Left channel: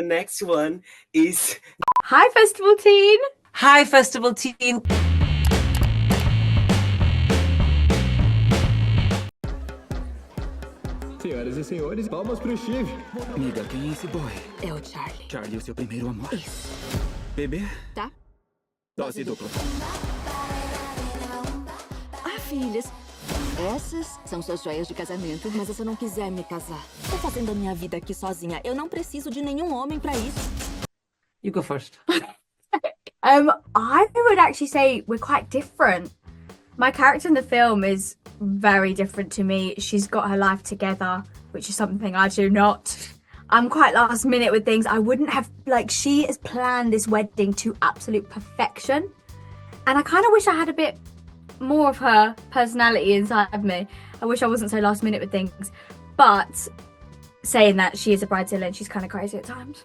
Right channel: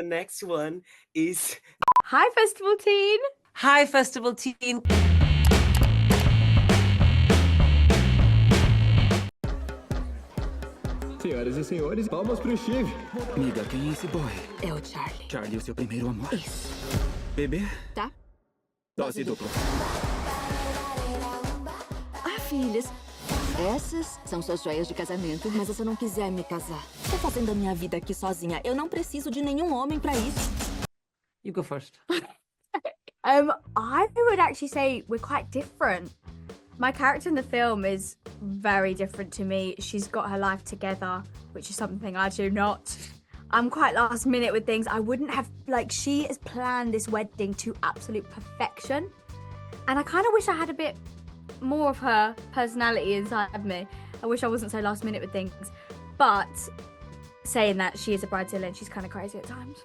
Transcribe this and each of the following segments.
the next one is... Hi, Festival Teen. Hi, Festival Teen. Senhoras e senhores, palmas pro Steve. Amiga, quem é esse boy? É o Charlie. Charlie, o seu primeiro amor. Isso. Bebê? Tá. Dose dupla. Ah, filhas, essas são suas joias de casamento, mas se você não quiser me casar, tô fazendo a minha vida aqui sozinha. Eu não preciso de nenhum homem pra isso. You go first. I would actually say we're quite different. My character in the film is very different to me. She's got her life together, which is something I do not. I'm quite last minute with things. I wouldn't have, like, she has planned this wedding to absolute perfection. And I kind of wish I had a bit more of her personality inside of me. I wish I wasn't so last minute with things. But saying that, she is a bridezilla and she's kind of crazy at times.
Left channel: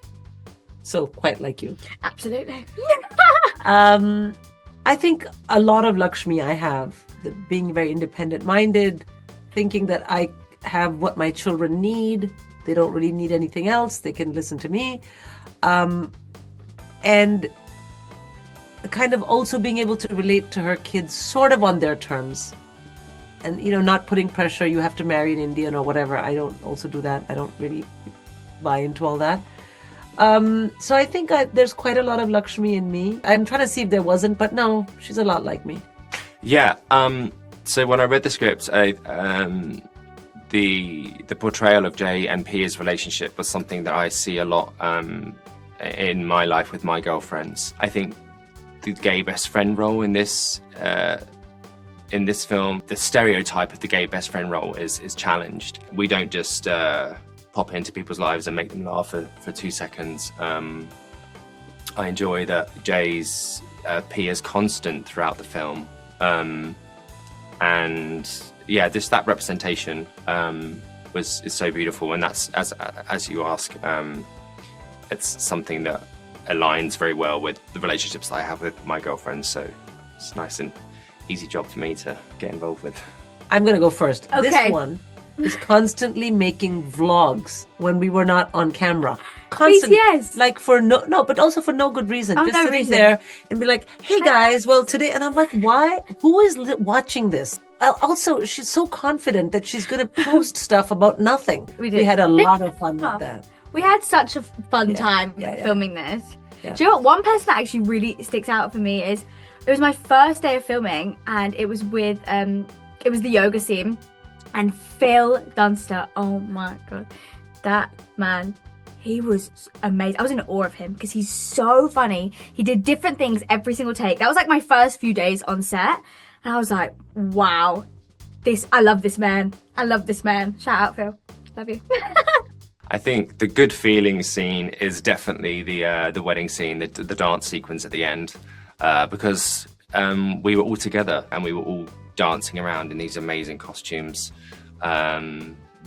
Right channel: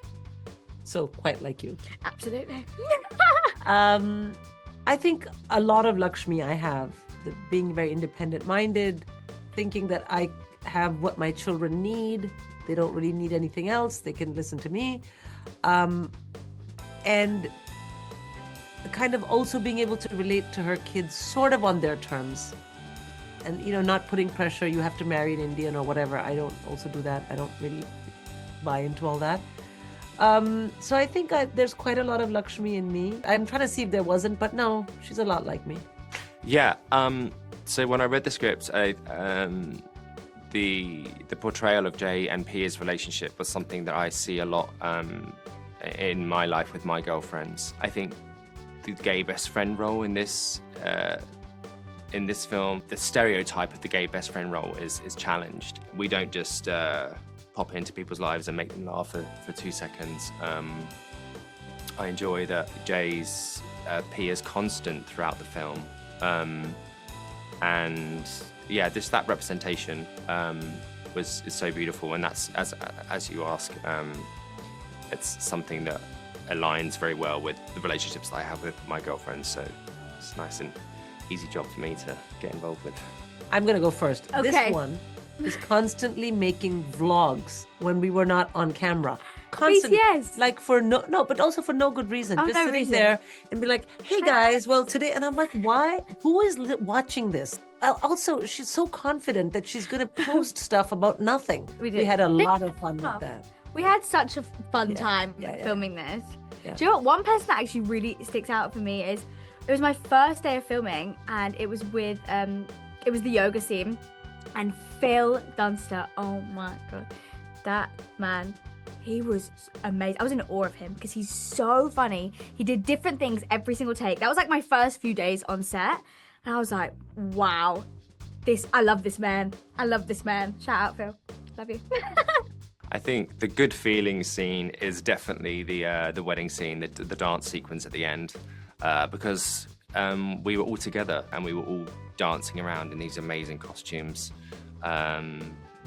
So, quite like you. Absolutely. I think a lot of Lakshmi I have, being very independent-minded, thinking that I have what my children need. They don't really need anything else. They can listen to me. And kind of also being able to relate to her kids sort of on their terms. And, you know, not putting pressure, you have to marry an Indian or whatever. I don't also do that. I don't really buy into all that. So I think there's quite a lot of Lakshmi in me. I'm trying to see if there wasn't, but no, she's a lot like me. Yeah. So when I read the script, the portrayal of Jay and Pia's relationship was something that I see a lot in my life with my girlfriends. I think the gay best friend role in this film, the stereotype of the gay best friend role is challenged. We don't just pop into people's lives and make them laugh for 2 seconds. I enjoy that Jay's Pia's constant throughout the film. And yeah, that representation is so beautiful, and that's as you ask, it's something that aligns very well with the relationships that I have with my girlfriends. So it's a nice and easy job for me to get involved with. I'm gonna go first. Okay. This one is constantly making vlogs when we were not on camera. Constantly, BTS. like for no, but also for no good reason. Oh, just no sitting reason. there and be like, "Hey guys, well today," and I'm like, "Why? Who is watching this?" Also, she's so confident that she's gonna post stuff about nothing. We did. We had a lot of fun with that. We had such a fun time filming this. Yeah. Do you know what? One person that actually really sticks out for me is, it was my first day of filming, and it was with it was the yoga scene, and Phil Dunster. Oh my god, that man, he was amazing. I was in awe of him because he's so funny. He did different things every single take. That was like my first few days on set, and I was like, wow, I love this man. I love this man. Shout out, Phil. Love you. I think the good feeling scene is definitely the wedding scene, the dance sequence at the end, because we were all together and we were all dancing around in these amazing costumes.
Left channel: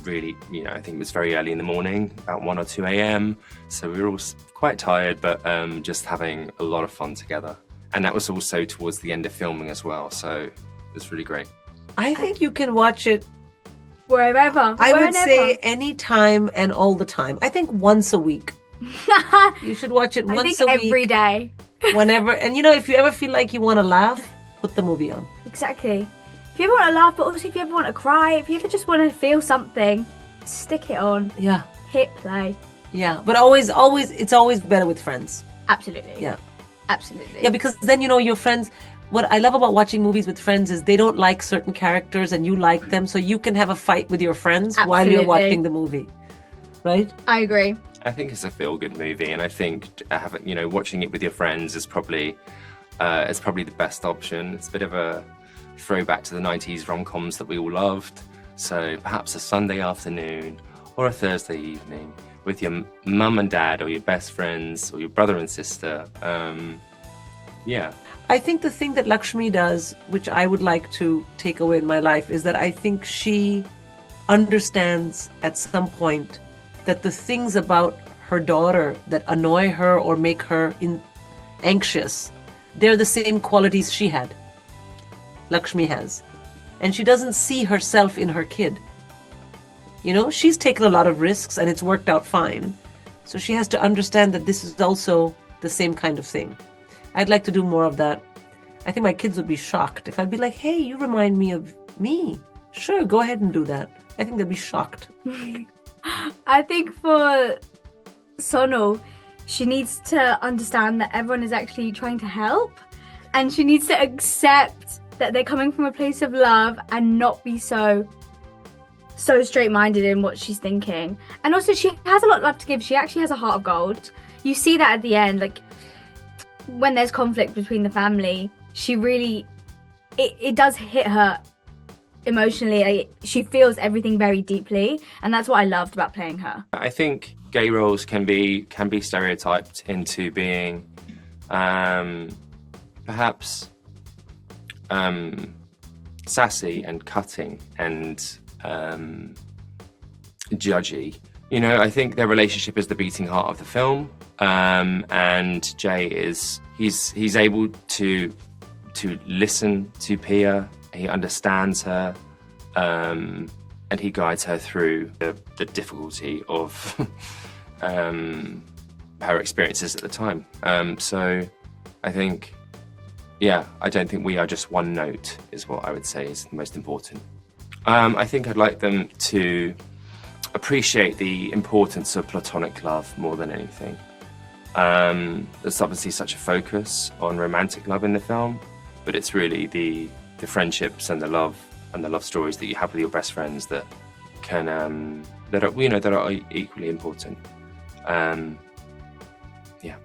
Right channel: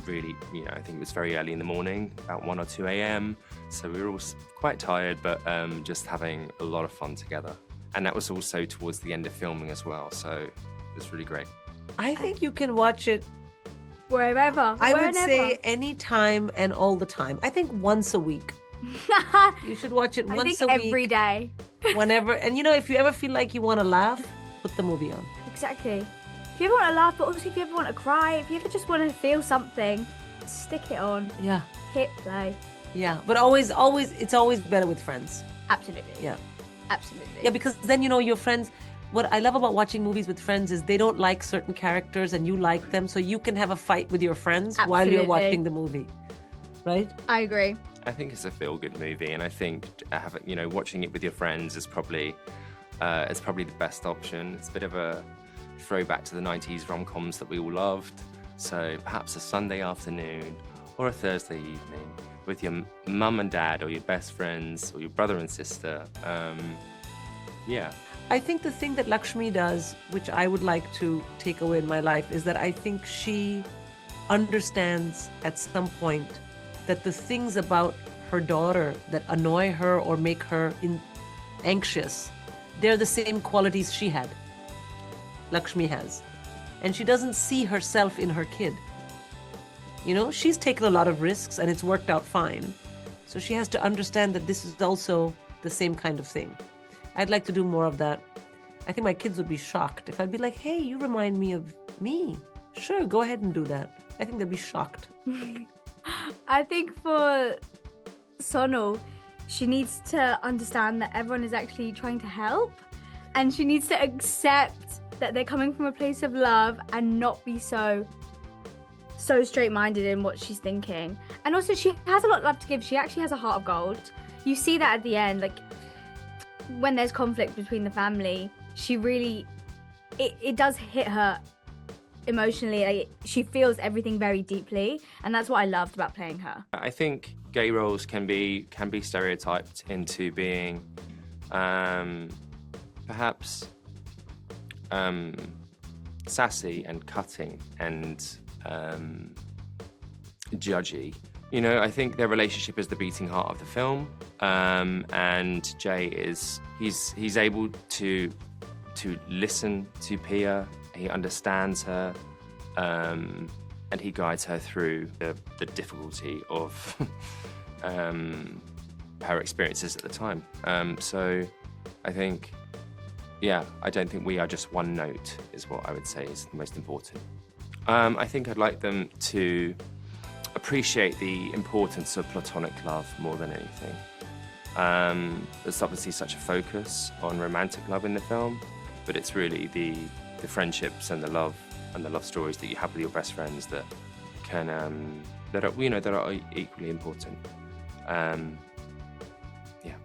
Really, you know, I think it was very early in the morning, about 1 or 2 a.m. So we were all quite tired, but just having a lot of fun together. And that was also towards the end of filming as well. So it was really great. I think you can watch it. Wherever. I would say anytime and all the time. I think once a week. You should watch it once a week. Every day. Whenever, and you know, if you ever feel like you want to laugh, put the movie on. Exactly. If you ever want to laugh, but also if you ever want to cry, if you ever just want to feel something, stick it on. Yeah. Hit play. Yeah, but always, it's always better with friends. Absolutely. Yeah. Absolutely. Yeah, because then, you know, your friends, what I love about watching movies with friends is they don't like certain characters and you like them, so you can have a fight with your friends while you're watching the movie, right? I agree. I think it's a feel-good movie, and I think watching it with your friends is probably the best option. It's a bit of a throwback to the 90s rom-coms that we all loved. So perhaps a Sunday afternoon or a Thursday evening with your mum and dad or your best friends or your brother and sister. Yeah. I think the thing that Lakshmi does, which I would like to take away in my life, is that I think she understands at some point that the things about her daughter that annoy her or make her anxious, they're the same qualities she had, Lakshmi has. And she doesn't see herself in her kid. You know, she's taken a lot of risks and it's worked out fine. So she has to understand that this is also the same kind of thing. I'd like to do more of that. I think my kids would be shocked if I'd be like, hey, you remind me of me. Sure, go ahead and do that. I think they'd be shocked. I think for Sonal, she needs to understand that everyone is actually trying to help, and she needs to accept that they're coming from a place of love and not be so straight-minded in what she's thinking. And also, she has a lot of love to give. She actually has a heart of gold. You see that at the end, like when there's conflict between the family, she really, it does hit her emotionally. She feels everything very deeply, and that's what I loved about playing her. I think gay roles can be stereotyped into being perhaps sassy and cutting and judgy. You know, I think their relationship is the beating heart of the film, and Jay he's able to listen to Pia. He understands her, and he guides her through the difficulty of her experiences at the time. So I think, yeah, I don't think we are just one note, is what I would say is the most important. I think I'd like them to appreciate the importance of platonic love more than anything. There's obviously such a focus on romantic love in the film, but it's really the friendships and the love stories that you have with your best friends that can that are equally important. Yeah.